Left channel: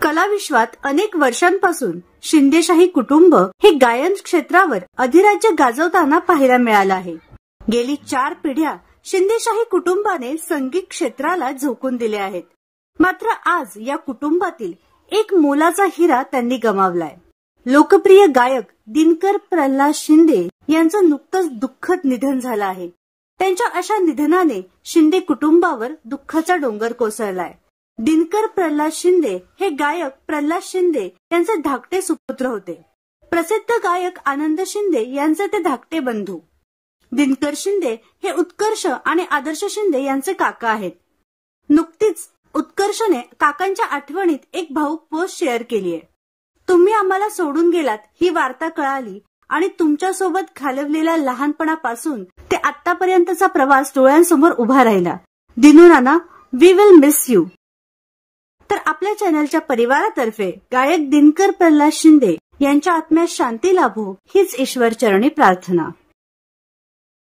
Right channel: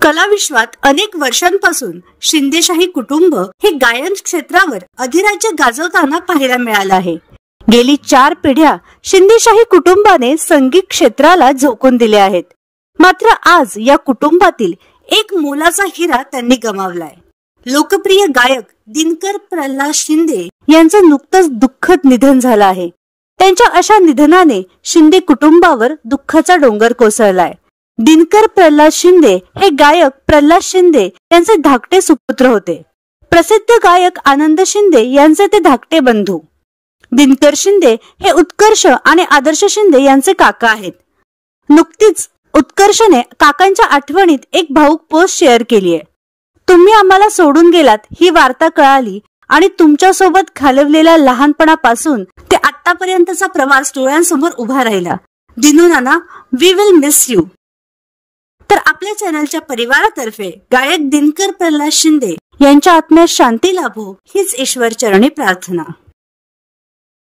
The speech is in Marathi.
कलाविश्वात अनेक वर्षांपासून शिंदेशाही कुटुंब हे गायन क्षेत्रावर अधिराज्य गाजवताना पाहायला मिळालं आहे। गेली 4 पिढ्या शिंदेशाही कुटुंबाने संगीत क्षेत्राला झोकून दिले आहेत। मात्र आज या कुटुंबातील एक मोलाचा हिरा त्यांनी गमावलाय। लोकप्रिय गायक दिनकर प्रल्हाद शिंदे यांचं नुकतंच दुःखद निधन झालं आहे। त्यांच्या अशा निधनाने शिंदे कुटुंबावर दुःखाचा डोंगर कोसळलाय। दिनकर प्रल्हाद शिंदे हे गायक प्रल्हाद शिंदे यांचे धाकटे सुपुत्र होते। प्रसिद्ध गायक आनंद शिंदे यांचे ते धाकटे बंधू। दिनकर शिंदे हे उत्कर्ष आणि आदर्श शिंदे यांचे काका आहेत। नुकतीच उत्कर्षने काकांच्या आठवणीत एक भावूक पोस्ट शेअर केली आहे। तुम्ही आम्हाला सोडून गेलात ही वार्ता कळाली आणि तुमच्या सोबत घालवलेल्या लहानपणापासून ते आतापर्यंतचा प्रवास डोळ्यांसमोर उभा राहिला। दिनू नाना, वी विल मिस यू। तर आपल्या चॅनलच्या परिवारातर्फे गायक दिनकर प्रल्हाद शिंदे यांच्या आत्म्यास शांती लाभो हीच ईश्वर चरणी प्रार्थना।